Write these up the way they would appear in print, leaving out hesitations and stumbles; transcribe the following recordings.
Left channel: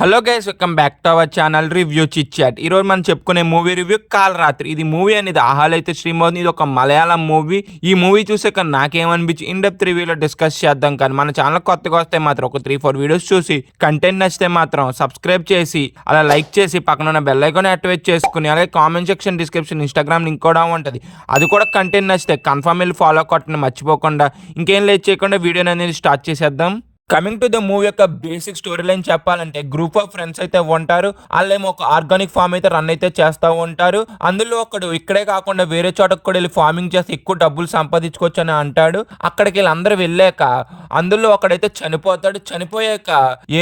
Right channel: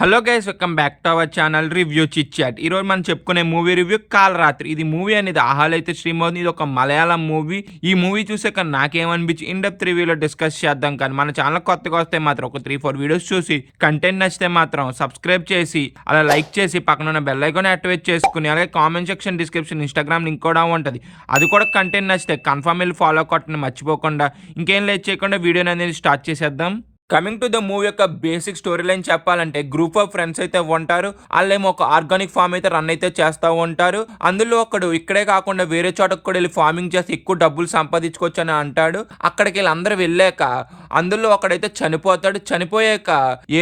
Hello guys, welcome back to our channel review chit chat. ఈరోజు మనం చెప్పుకునే movie review కాలరాత్రి. ఇది మూవీ అనేది ఆహాలో అయితే స్ట్రీమ్ అవుతుంది. ఇది ఒక మలయాళం మూవీ. ఈ మూవీ చూసాక నాకేమనిపించి ఇన్ డెప్త్ రివ్యూలో డిస్కస్ చేద్దాం. కానీ మన ఛానల్ కొత్తగా వస్తే మాత్రం ఒక 3-4 వీడియోస్ చూసి కంటెంట్ నచ్చితే మాత్రం సబ్స్క్రైబ్ చేసి అలా లైక్ చేసి పక్కన ఉన్న బెల్ ఐకాన్ యాక్టివేట్ చేసుకుని అలాగే comment section, description, Instagram link కూడా ఉంటుంది. అది కూడా కంటెంట్ నచ్చితే కన్ఫర్మ్ వెళ్ళి ఫాలో కొట్టని మర్చిపోకుండా. ఇంకేం లేట్ చేయకుండా వీడియోని అనేది స్టార్ట్ చేసేద్దాం. కమింగ్ టు ద మూవీ యొక్క బేసిక్ స్టోరీ లైన్ చెప్పాలంటే, గ్రూప్ ఆఫ్ ఫ్రెండ్స్ అయితే ఉంటారు. వాళ్ళేమో ఒక ఆర్గానిక్ ఫామ్ అయితే రన్ అయితే చేస్తూ ఉంటారు. అందులో ఒకడు ఇక్కడే కాకుండా వేరే చోటకు కూడా వెళ్ళి ఫార్మింగ్ చేసి ఎక్కువ డబ్బులు సంపాదించుకోవచ్చు అని అంటాడు. అక్కడికి వీళ్ళందరూ వెళ్ళాక అందులో ఒకడైతే చనిపోతాడు. చనిపోయాక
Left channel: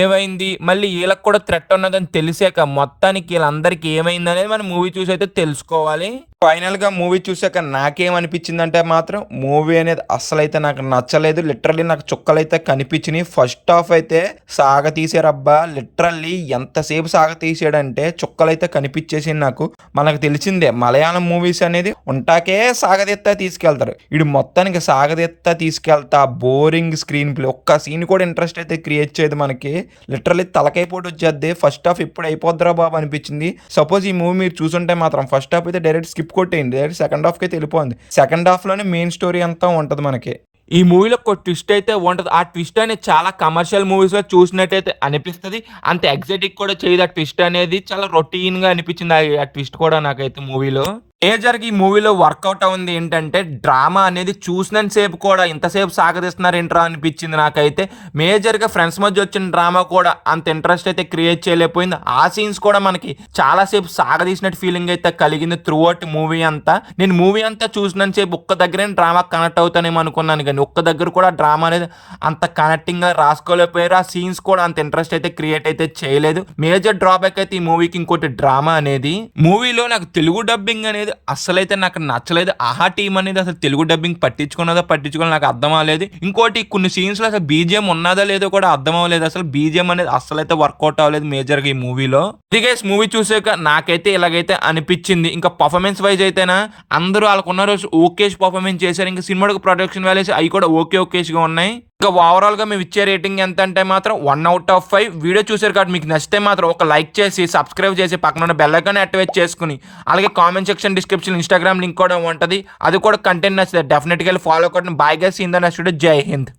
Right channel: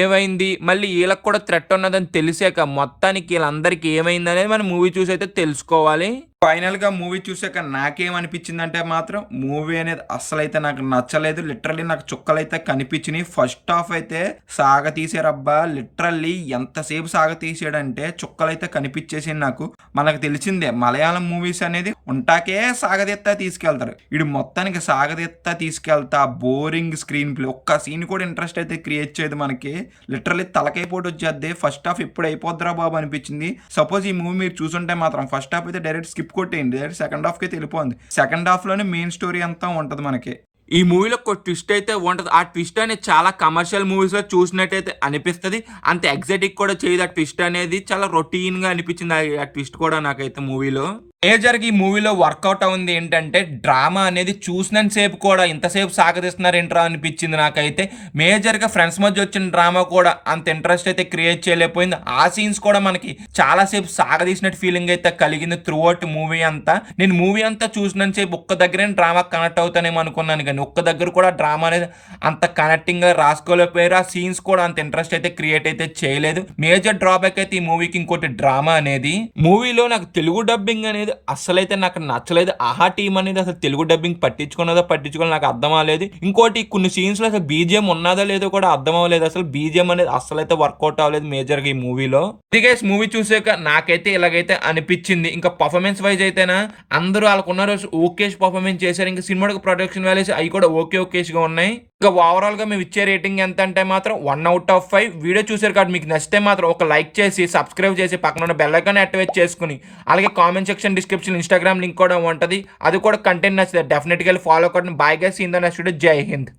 ఏమైంది, మళ్ళీ వీళ్ళకి కూడా థ్రెట్ ఉన్నదని తెలిసాక మొత్తానికి వీళ్ళందరికీ ఏమైంది అనేది మనం మూవీ చూసి అయితే తెలుసుకోవాలి. ఫైనల్గా మూవీ చూసాక నాకేమనిపించిందంటే మాత్రం మూవీ అనేది అస్సలైతే నాకు నచ్చలేదు. లిటరల్లీ నాకు చుక్కలైతే కనిపించినాయి. ఫస్ట్ హాఫ్ అయితే సాగ తీసారబ్బా. లిటరల్లీ ఎంతసేపు సాగ తీసాడంటే చుక్కలైతే కనిపించేసి నాకు. మనకు తెలిసిందే మలయాళం మూవీస్ అనేది ఉంటాకే సాగదెత్తా తీసుకెళ్తారు. ఇడు మొత్తానికి సాగదెత్తా తీసుకెళ్తా బోరింగ్ స్క్రీన్ ప్లే, ఒక్క సీన్ కూడా ఇంట్రెస్ట్ అయితే క్రియేట్ చేయదు మనకి. లిటరల్లీ తలకైపోటు వచ్చేద్ది. ఫస్ట్ హాఫ్ ఇప్పుడు అయిపోద్దిరా బాబు అనిపించింది. సపోజ్ ఈ మూవీ మీరు చూసుంటే మాత్రం ఫస్ట్ హాఫ్ అయితే డైరెక్ట్ స్కిప్ కొట్టేయండి, డైరెక్ట్ సెకండ్ హాఫ్కి అయితే వెళ్ళిపోయింది. సెకండ్ హాఫ్లోనే మెయిన్ స్టోరీ అంతా ఉంటుంది మనకి. ఈ మూవీలో ఒక ట్విస్ట్ అయితే ఉంటుంది. ఆ ట్విస్ట్ అనేది చాలా కమర్షియల్ మూవీస్లో చూసినట్టయితే అనిపిస్తుంది. అంత ఎగ్జాటిక్ కూడా చేయదు. ఆ ట్విస్ట్ అనేది చాలా రొటీన్గా అనిపించింది ఆ ట్విస్ట్ కూడా నాకైతే మూవీలో. మేజర్గా ఈ మూవీలో వర్కౌట్ అవుంది ఏంటంటే, డ్రామా అనేది చూసినంత సేపు కూడా ఇంతసేపు సాగదీస్తున్నారు ఏంట్రా అనిపించింది నాకైతే. మేజర్గా ఫ్రెండ్స్ మధ్య వచ్చిన డ్రామా కూడా అంత ఇంట్రెస్ట్ అయితే క్రియేట్ చేయలేకపోయింది. ఆ సీన్స్ కూడా మనకి చాలాసేపు సాగదీసినట్టు ఫీలింగ్ అయితే కలిగింది త్రూ అవుట్ మూవీ అంతా. నేను మూవీ అంతా చూసినంత సేపు ఒక్క దగ్గరే డ్రామా కనెక్ట్ అవుతానేమో అనుకున్నాను, కానీ ఒక్క దగ్గర కూడా డ్రామా అనేది అంత కనెక్టింగ్గా రాసుకోలేకపోయారు. ఆ సీన్స్ కూడా అంత ఇంట్రెస్ట్ అయితే క్రియేట్ అయితే చేయలేదు. మేజర్ డ్రాబ్యాక్ అయితే ఈ మూవీకి ఇంకోటి డ్రామా అనేది. మూవీలో నాకు తెలుగు డబ్బింగ్ అనేది అసలైతే నాకు నచ్చలేదు. ఆహా టీం అనేది అసలు తెలుగు డబ్బింగ్ పట్టించుకోవాలి నాకు అర్థం అవ్వలేదు. ఇంకోటి కొన్ని సీన్స్ లో అసలు బీజిఎం ఉన్నదో లేదో కూడా అర్థం అవ్వలేదు. అసలు బీజిఎం అనేది అసలైతే వర్కౌట్ అవ్వలేదు మేజర్ గా ఈ మూవీలో. గైస్ మూవీ చూసాక నాకైతే ఇలాగైతే అనిపించింది. ఇంకా పర్ఫార్మెన్స్ వైజ్ అయితేనా అందరూ వాళ్ళకున్న రోజు ఓకేష్ పర్ఫార్మెన్స్ చేశారు. ఇంకా సినిమా ప్రొడక్షన్ వాల్యూస్ అవి కూడా ఓకేష్ గా ఉన్నాయి. ఇంకా ఓవరాల్ గా మేము ఇచ్చే రేటింగ్ ఎంత అంటే మాత్రం 1/5. వీడియో చూసారు కాబట్టి మీకు నచ్చితే మాత్రం ఒక లైక్ చేసి సబ్స్క్రైబ్ చేసి పక్కన ఉన్న బెల్ ఐకాన్ యాక్టివేట్ చేసుకుని అలాగే comment section, description, Instagram link కూడా ఉంటుంది. అది కూడా కంటెంట్ నచ్చితే డెఫినెట్గా ఫాలో కొట్టండి. Bye guys, in the next video. జై హింద్.